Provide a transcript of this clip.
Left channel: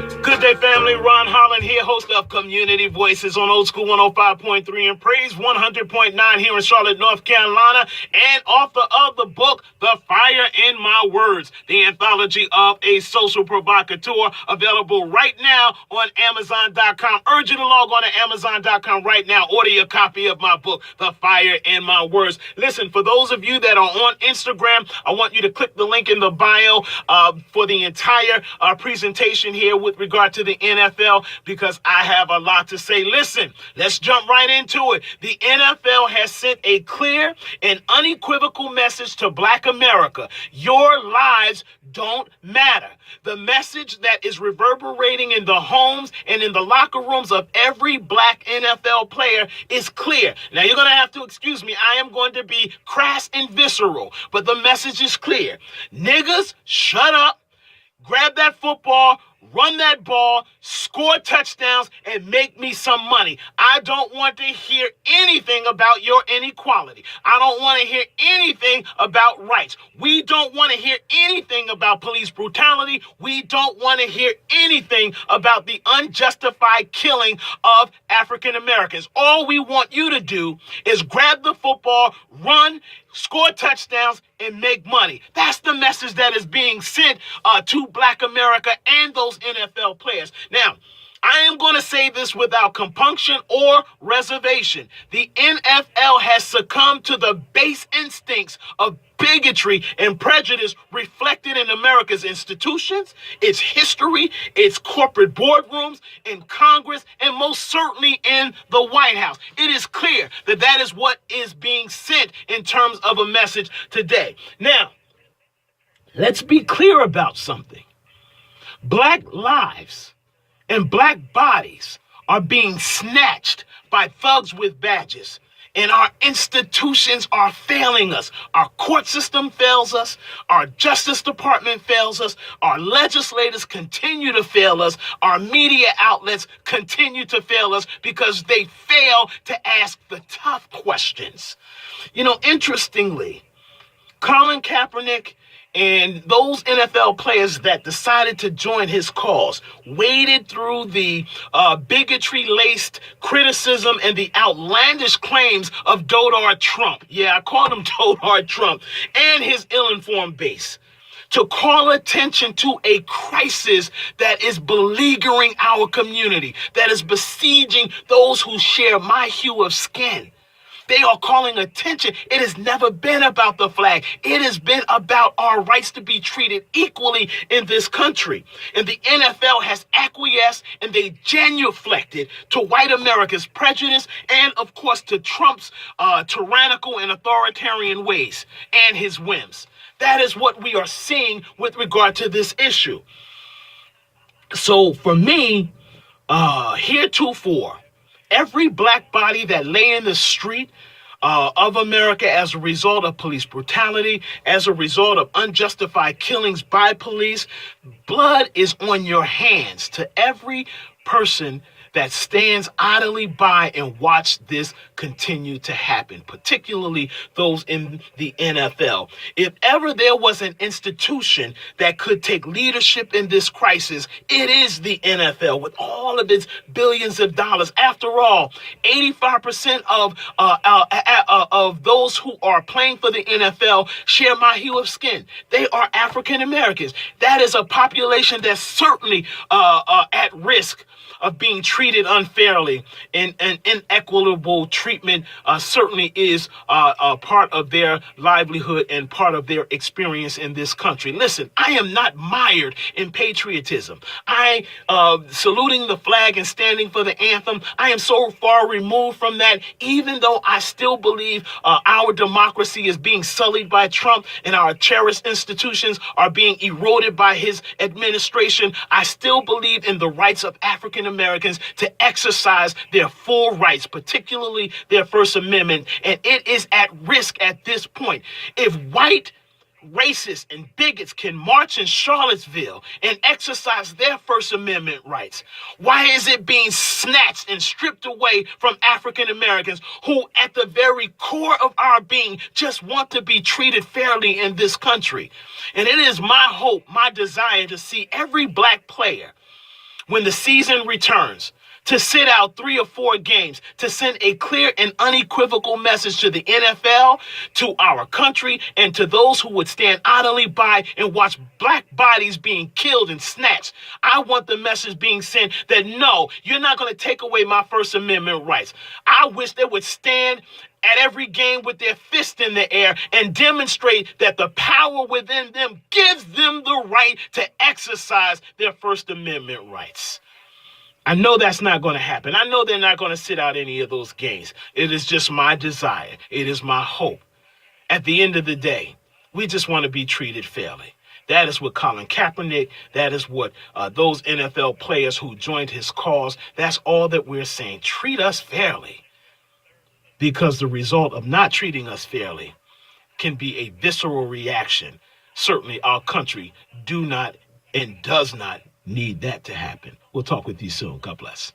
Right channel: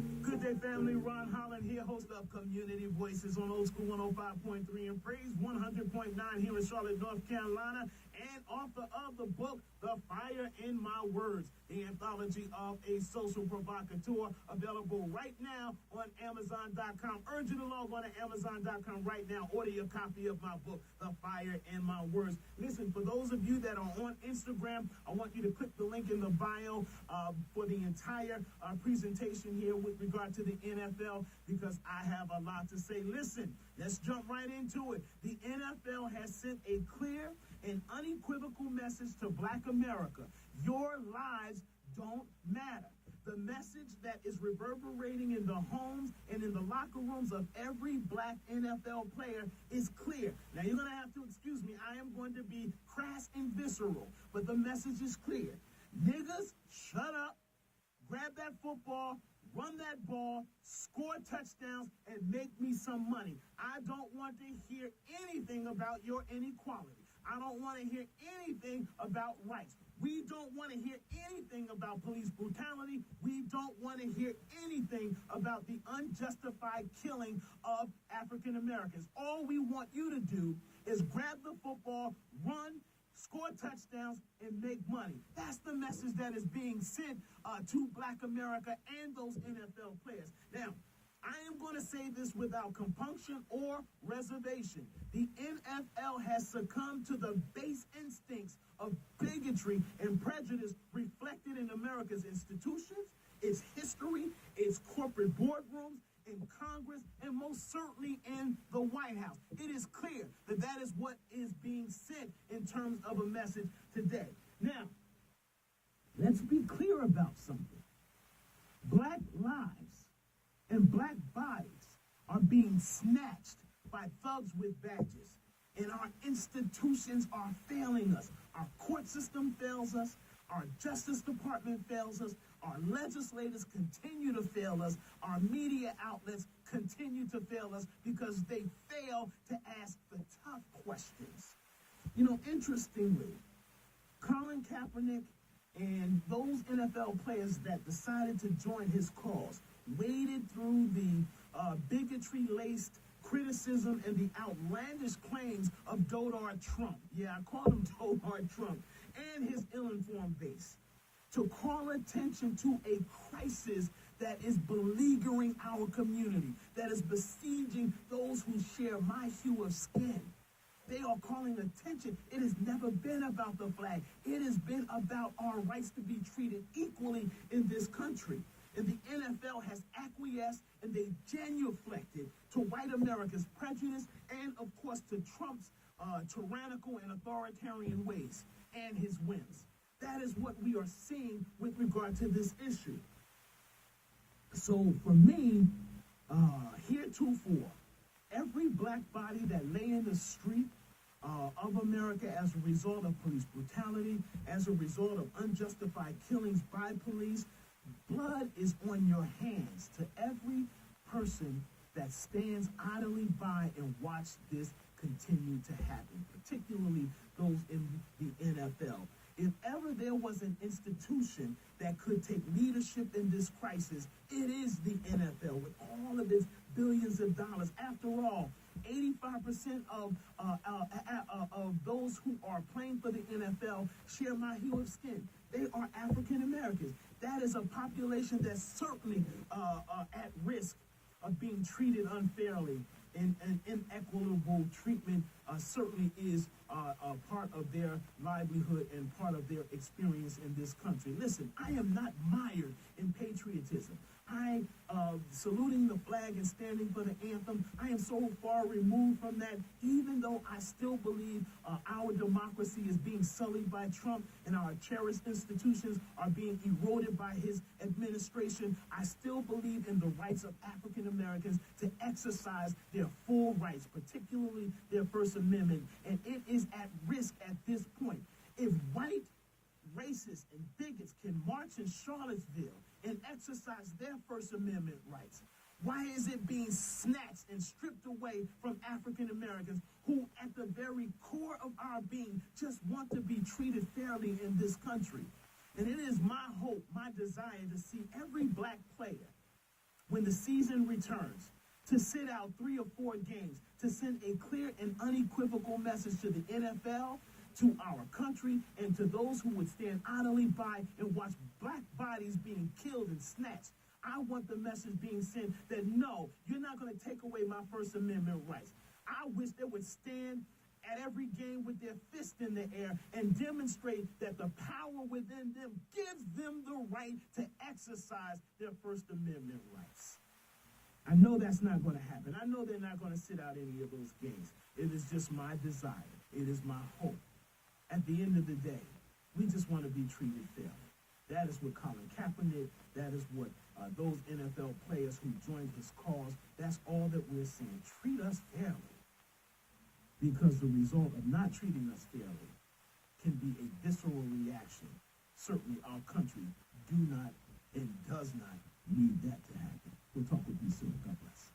Good day, family. Ron Holland here, host of Community Voices on Old School 105.3 and Praise 100.9 here in Charlotte, North Carolina, and author of the book, The Fire in My Words, the anthology of a social provocateur, available right now on Amazon.com. Urge you to log on to Amazon.com right now. Order your copy of my book, The Fire in My Words. Listen, for those of you that are on Instagram, I want you to click the link in the bio for the entire presentation here with regard to the NFL, because I have a lot to say. Listen, let's jump right into it. The NFL has sent a clear and unequivocal message to Black America. Your lives don't matter. The message that is reverberating in the homes and in the locker rooms of every Black NFL player is clear. Now, you're going to have to excuse me. I am going to be crass and visceral, but the message is clear. Niggers, shut up. Grab that football, run that ball, score touchdowns, and make me some money. I don't want to hear anything about your inequality. I don't want to hear anything about rights. We don't want to hear anything about police brutality. We don't want to hear anything about the unjustified killing of African Americans. All we want you to do is grab the football, run, score touchdowns, and make money. That's the message that is being sent to Black America and those NFL players. Now, I am going to say this without compunction or reservation. The NFL has succumbed to the base instincts of bigotry and prejudice reflected in America's institutions, its history, its corporate boardrooms, in Congress, and most certainly in the White House. It is clear that that is what is being sent in terms of a message today. Now, let's be clear about something. Black lives and Black bodies are being snatched by thugs with badges. And our institutions are failing us. Our court system fails us. Our Justice Department fails us. Our legislators continue to fail us. Our media outlets continue to fail us because they fail to ask the tough questions. You know, interestingly, Colin Kaepernick and those NFL players that decided to join his cause waded through the bigotry-laced criticism and the outlandish claims of Donald Trump. Yeah, I called him Donald Trump, and his ill-informed base, to call attention to a crisis that is beleaguering our community, that is besieging those who share my hue of skin. They are calling attention. It has never been about the flag. It has been about our rights to be treated equally in this country. And the NFL has acquiesced and they genuflected to white America's prejudice and, of course, to Trump's tyrannical and authoritarian ways and his whims. That is what we are seeing with regard to this issue. So for me, heretofore, every Black body that lay in the street of America as a result of police brutality, as a result of unjustified killings by police, blood is on your hands. To every person that stands idly by and watch this continue to happen, particularly those in the NFL. If ever there was an institution that could take leadership in this crisis, it is the NFL with all of its billions of dollars. After all, 85% of those who are playing for the NFL share my hue of skin. They are African Americans. That is a population that's certainly at risk of being treated unfairly, and inequitable treatment certainly is a part of their livelihood and part of their experience in this country. Listen, I am not mired in patriotism. I saluting the flag and standing for the anthem, I am so far removed from that, even though I still believe our democracy is being sullied by Trump and our cherished institutions are being eroded by his administration. I still believe in the rights of African Americans to exercise their full rights, particularly their First Amendment, and it is at risk at this point. If white racists and bigots can march in Charlottesville and exercise their First Amendment rights, why is it being snatched and stripped away from African Americans who at the very core of our being just want to be treated fairly in this country? And it is my hope, my desire to see every Black player when the season returns, to sit out 3 or 4 games, to send a clear and unequivocal message to the NFL, to our country, and to those who would stand idly by and watch black bodies being killed and snatched. I want the message being sent that no, you're not going to take away my First Amendment rights. I wish they would stand at every game with their fist in the air and demonstrate that the power within them gives them the right to exercise their First Amendment rights. I know that's not going to happen. I know they're not going to sit out any of those games. It is just my desire. It is my hope. At the end of the day, we just want to be treated fairly. That is what Colin Kaepernick, that is what those NFL players who joined his cause, that's all that we're saying. Treat us fairly. Because the result of not treating us fairly can be a visceral reaction. Certainly our country do not and does not need that to happen. We'll talk with you soon. God bless.